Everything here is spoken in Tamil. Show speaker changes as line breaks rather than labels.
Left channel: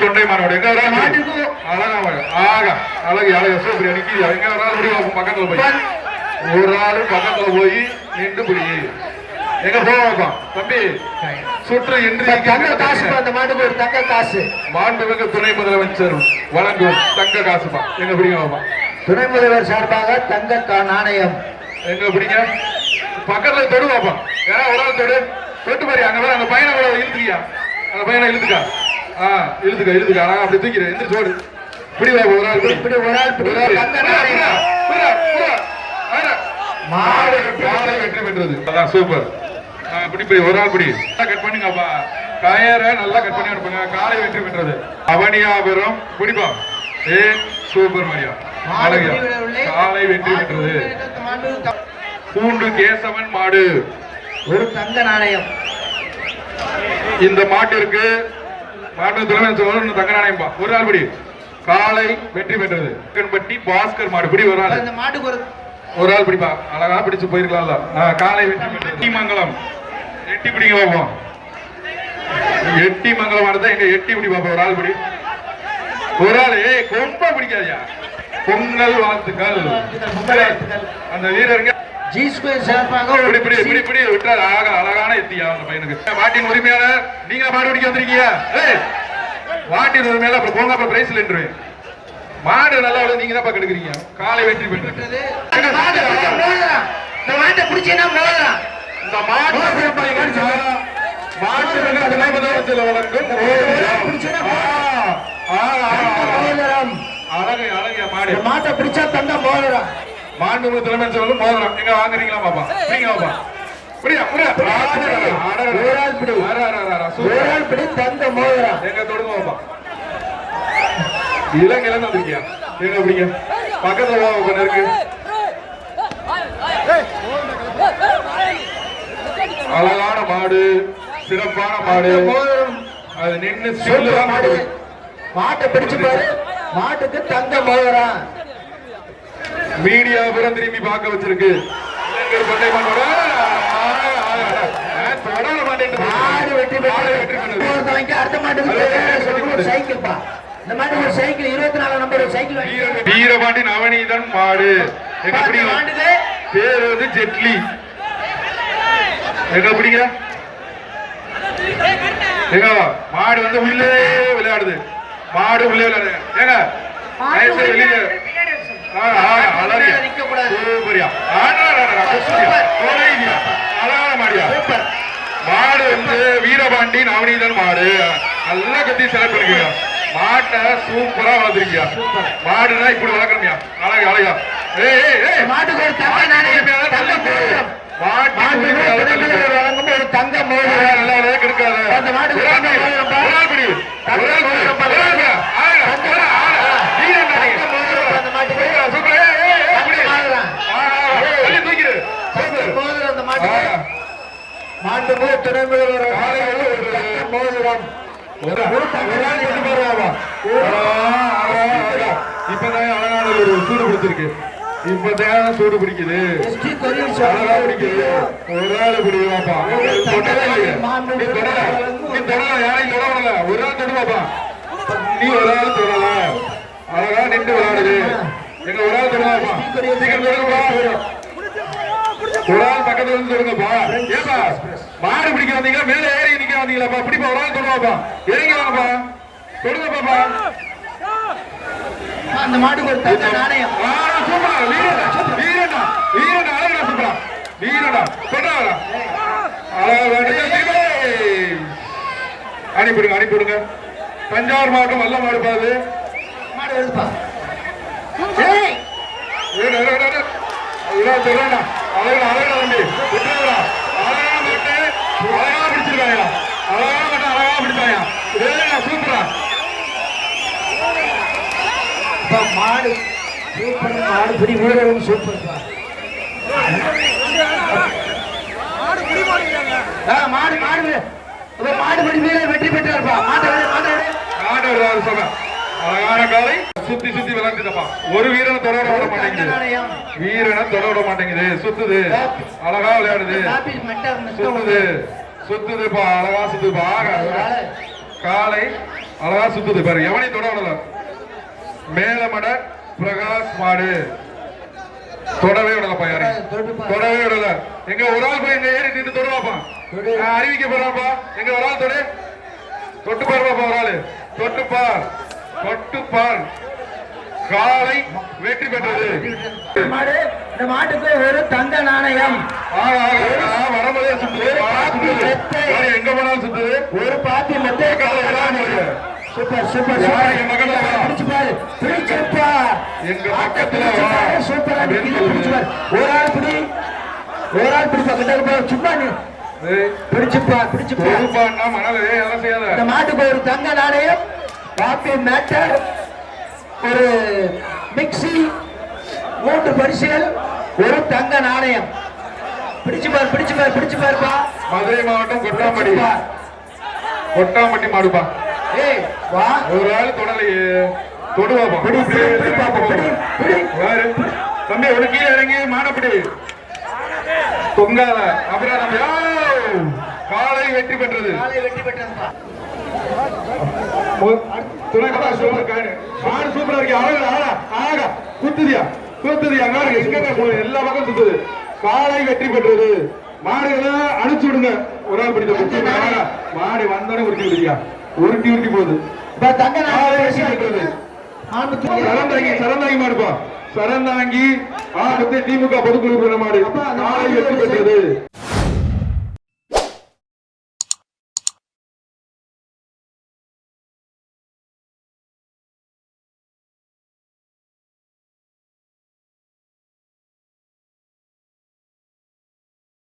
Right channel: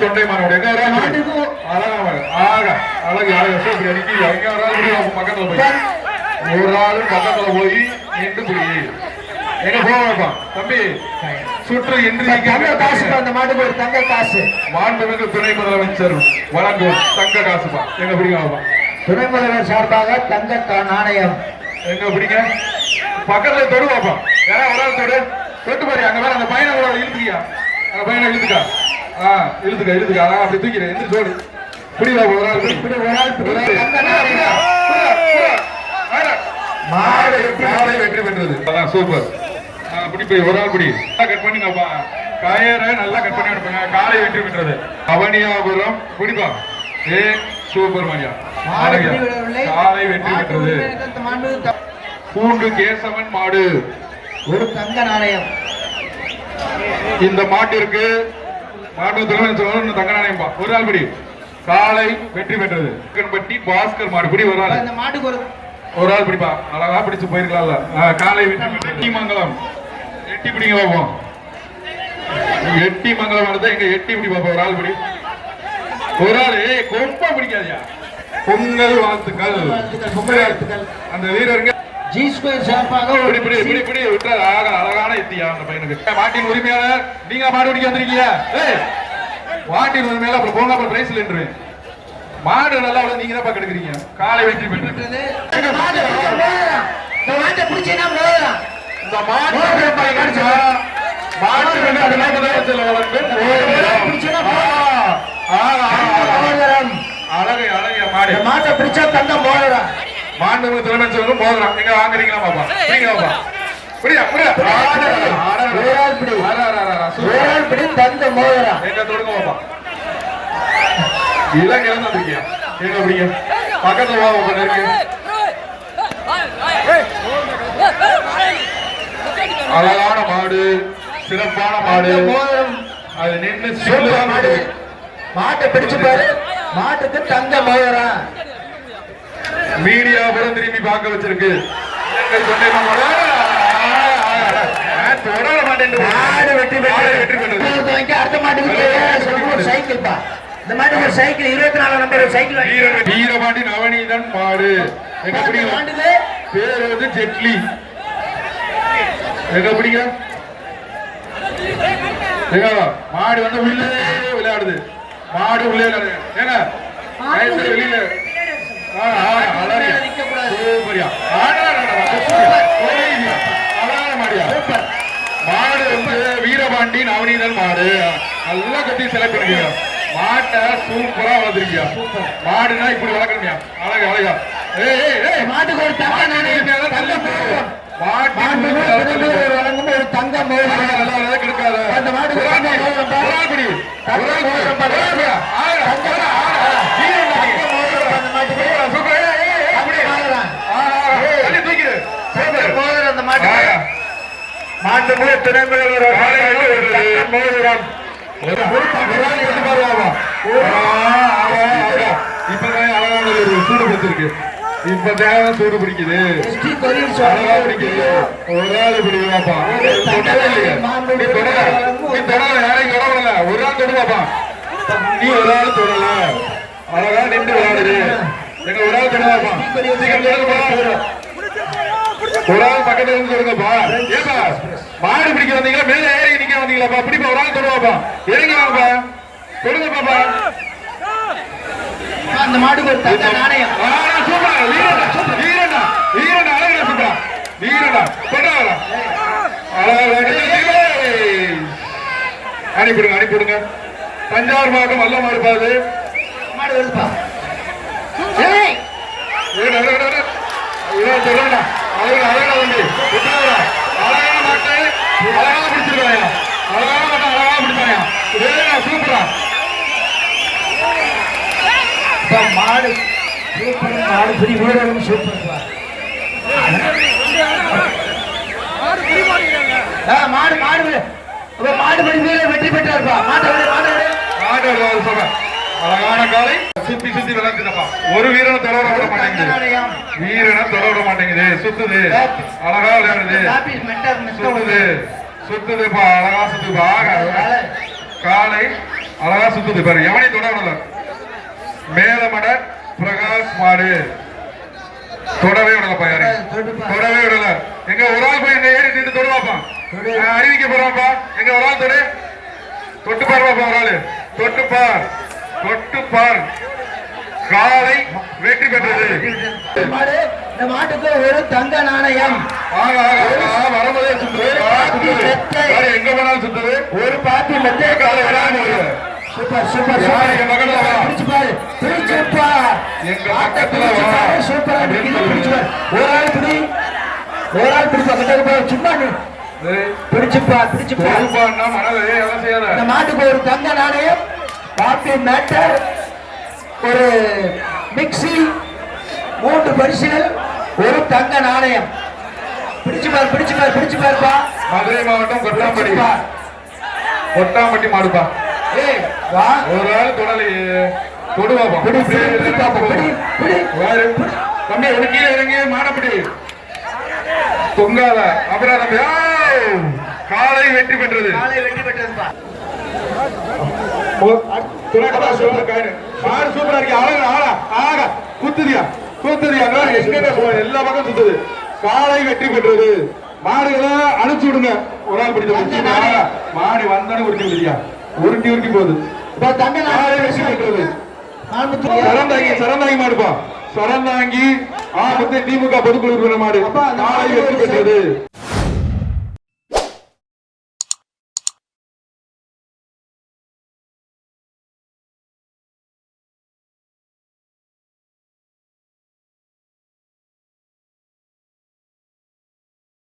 தொண்டை வரா
மாட்டுக்கு
அழகா வர ஆகா. அழகு அழகு சோப்பு அடிக்கி எங்க பக்கத்துல போய். ஒரு ஆளு பக்கத்துல போய் நின்று புடி. எங்க போவாப்பா தம்பி சுற்று என்று
தங்க காசு அந்த மாட்டுக்கு ஒரு தங்க காசு.
மாண்புமிகு துணை முதலமைச்சர் வழங்கும் தங்க காசுப்பா எங்க பிடிக்காமப்பா
துணை முதல்வர் சார்பாக தங்க நாணயம்.
எங்க பிடிங்க? பக்கத்துல தொடுவாப்பா யாரா ஒரு ஆள் தொடு. தொட்டு பாரு அங்க அந்த பையனை இழுத்துக்கியா? அந்த பையனை இழுத்துக்கா? ஆ இழுத்துக்கா இழுத்துக்கா. ஆ, அப்படி தூக்கிறேன் எந்திரி சோடு பிடிவா ஒரு ஆள் பிடி.
இப்படி ஒரு ஆள்.
மாடு மாடு வெற்றி பெற்றது அதான் சூப்பர். ஆ, பிடி போய் ஒரு ஆள் பிடி. கட் பண்ணுங்கப்பா. கயரை நல்லா கட் பண்ணி எடுப்பங்க. காலை வெற்றி பெற்றது. அவனியாபுரம் பிடிப்பா ஏ சூப்பர் மையா. காலை வெற்றி பெற்றது. பூண்டு கேசவன் மாடு.
ஒரு தங்க நாணயம்.
இந்த மாட்டிற்கு மாட்டு தலைமை சொல்லணும் தங்க நாணயம்பா ஒரு ஆள் பிடி. காலை வெற்றி பெற்றது. பட்டி பாஸ்கர் மாடு பிடி ஒரு ஆள்.
இந்த மாட்டுக்கு ஒரு
ஒரு ஆள் பிடிப்பா. அழகா பிடிச்சு போயிருக்கலாம்ல. காலை வெற்றி எட்டி மங்கலம். எட்டி பிடிங்க பார்ப்போம். எட்டி மங்கலம் அடுத்த எங்க எட்டி பிடி பாப்போம் ஒரு ஆள் பிடி. ஒரு ஆள் கொம்ப பிடிக்காதியா. பொங்கல் வாழ்த்துக்கள். அந்த வீரருங்க
ஜி ஸ்கொயர் சார்பாக
இப்படி இப்படி இப்படி இப்படி விட்டா அழகா அழகான எத்தியா அந்த பையனுக்கு. மாட்டின் உரிமையாளர் நீங்க மாடு பிடிக்க வந்திருக்கீங்க? ஏய் மாட்டின் உரிமையாளர் அப்புறம் போங்க அப்புறம் பிரைஸ் இல்லைன்றேன் மாடு நல்லா விட நீங்க தான் கெடுக்குறீங்க? காலை வெற்றி பெற்று
இந்த மாட்டை பிடிச்சீங்கன்னா மோதிரம்.
இந்த மாடு மாடு அழகு
மோதிரம்.
அழகு மாடு.
இந்த மாட்டை பிடிச்சா தங்க மோதிரம்.
மாண்பு தலைமை சொல்லும் மோதிரம் நீங்க வாங்குறீங்களா பாப்பா நீங்க பாப்பா புரியா புரியா
ஒரு ஆள் பிடி. ஒரு ஆள் பிடி தங்க மோதிரம்.
எங்க தொடுங்க பாப்பா இலங்கையில இருந்து வந்திருக்கியா எங்க பிடிங்க பக்கத்துல வா உங்க நெருக்கு அழகான மாடு சிறப்பான மாடு. அது நின்று
மாடு. மாட்டை பிடிச்சு பாரு மாட்டுக்கு தங்க மோதிரம்
மீடியா புறம் திரும்பி பார்க்க வச்சிருக்கு. வீரபாண்டி நவநீதன் மாடு பேர் வந்து ஜெட்லி. எங்க பிடிங்க ஏங்க மாடு வந்து உள்ளே விளையாடுது. மாடு உள்ளே விளையாடுது. ஏங்க வெளியில மாடு வந்து வீரபாண்டி நவநீதன் மாடு நல்லா கத்தி செலக்ட் பண்ணிக்கீங்க மாட்டை சூப்பரா வளர்த்துருக்கியா மாடுனா இப்படி வளர்க்கணுமியா அழகு அழகா
மாட்டுக்கு ஒரு தங்க நாணயம் தங்க மோதிரம்
மாட்டு
மாட்டுக்கு
உரிமையாளர்
பிறந்தவர் வழங்கும் ஒரு தங்க மோதிரம்
நல்லா நல்லா கெடுக்காத
அந்த மாட்டுக்கு
ஒரு ஆள்
தங்க
பிடி.
மோதிரம் பா.
ஒரு ஆள் பிடி. ஒரு ஆள் பிடி.
தங்க மோதிரம் பா.
ஒரு ஆள் பிடி. ஆடா, ஆடா, ஆடா. வீரன் தானே.
தங்க மோதிரம் அந்த மாட்டுக்கு
சூப்பர். ஏய், ஏய், ஏய்,
தங்க
அப்படி.
மோதிரம்
ஆடா, ஆடா. தள்ளி தூக்கிடு.
தங்க
சூப்பர்.
மோதிரம் அந்த மாட்டுக்கு
ஆ. விடுறது. மோதிரம். ஒரு ஒரு ஆடா, ஆடா. இப்பதான் அழகான ஒரு சூடு பிடிச்சிருக்கு. இப்பதான் சூடு பிடிக்குது. அழகா பிடிக்குது. ஒரு ஆள் பிடிக்குவாப்பா இல்லையே. நீ தொடல நீ தொடல யாரையும் தொடவல ஒரு ஆள் தொடுவாப்பா. நீ ஒரு ஆள் தொடல. அழகா நின்று விளையாடுது எங்க ஒரு ஆள் தொடுவாப்பா. சீக்கிரம் தொடுங்கப்பா. ஒரு ஆள் பக்கத்துல இருந்து தொடுங்கப்பா. ஏப்பா. மாடு பிடிக்க வந்தீங்களா? மேல ஏறி நிக்க வந்தீங்களாப்பா? பிடிப்பா ஒரு ஆள் தொடுவாப்பா. இறங்கி வாங்கப்பா தொடுங்க பாப்பா
அந்த ஒரு தங்க நாணயம்.
சூப்பர். வீரடா வீரடா வீரடா அழகா சூப்பரா. வீரடா தொட்டா. அனுப்பிடுங்க அனுப்பிடுங்க தஞ்சாவூர் மாவட்டம் வல்ல மாடுப்பாது
மாடு வெளுப்பா ஏய்.
சொல்றா அழகா அழகா மாட்டை அழகா பிடிச்சிருக்காயா? அழகான மாட்டை அழகா பிடிச்சாயா? வேணா சூப்பரா.
அப்பா, மாடு. சூப்பர் மாடு பிடி வீரரும் சூப்பர் பா. ஆ, மாடு மாடு. அப்ப மாடு பிடி வீரர் வெற்றி பெற்றார்ப்பா மாட்டை விடு, மாட்டை
மாடு சொல்றேன் அழகான காலை. சுத்தி சுத்தி விளையாண்டுக்கப்பா ஒரு வீரனை தொடர விட மாட்டேங்குது. வீரனை தொட விட மாட்டேங்குது. சுத்துது. அழகா விளையாடுது. சுத்துது. சுத்துதுப்பா. அழகா சுத்துப்பா காலை அழகா சுத்துது. பாரு எவனையும் தொடரல மேலமட பிரகாஷ் மாடு. தொடவே விடலப்பா யாரையும். தொடவே விடல. எங்க ஒரு ஆள் போய் எங்க ஏறி நின்று தொடுவாப்பான் நான் அறிவிக்க போறாப்பா எங்க ஒரு ஆள் தொடு. தொட்டு பாருவாப்பா ஒரு ஆளு. தொட்டு பார் காலை வெற்றி பெற்றது.
இந்த மாட்டுக்கு ஒரு தங்க நாணயம்.
சுத்துது. யாரு எங்க போனாலும் சுத்துது
ஒரு பாத்தி மெத்தைய
காலை விடாம.
Super super. சூப்பரா. ஒரு ஆள் பிடி ஒரு ஆள் பிடிப்பா கிட்ட போய் சும்மா பிடிச்சுப்பா பிடிச்சுப்பா
மனதிலே எல்லாம் செய்யாத?
இந்த மாட்டுக்கு ஒரு தங்க நாணயம். Copy matter. ஒரு மிக்ஸி மூன்று பரிசுகள் ஒரு தங்க நாணயம். பிடிச்சு பாரு பிடிச்சு பாரு பிடிச்சு பாருப்பா.
மதுரை மாவட்டம் கொட்டாம்பட்டி. கொட்டாம்பட்டி மாடுப்பா.
ஏய் வா.
ஒரு ஆள் தொடலையே தொடுவாப்பா
பிடி பிடி பாப்பா பிடி பிடி.
தம்பி ஒரு கீழே இறங்கி மாடப்படி. தம்பி ஆவ்! காலை வெற்றி பெற்றது.
காலை வெற்றி பெற்றதுப்பா.
மாடு சூப்பரா இருக்கு. அழகு ஆளா ஆகா குத்துதியா குத்துதியா. நான் எங்க போ எல்லா பக்கம் சுத்துது காலை வெற்றி பெற்றது. மாடுகளை அனுப்பிச்சு விடுங்க. ஒரு ஆள் பிடிச்ச மாடு வந்தானே உருட்டி விடுதியா உருட்டி உருட்டி போகுது. வெற்றி பெற்றது. சரந்தாங்கி சரந்தாங்கி மாடுப்பா சரந்தாங்கி ஆ முத்தே திமுக பொதுக்குழு மாடு. காலை வெற்றி பெற்றது.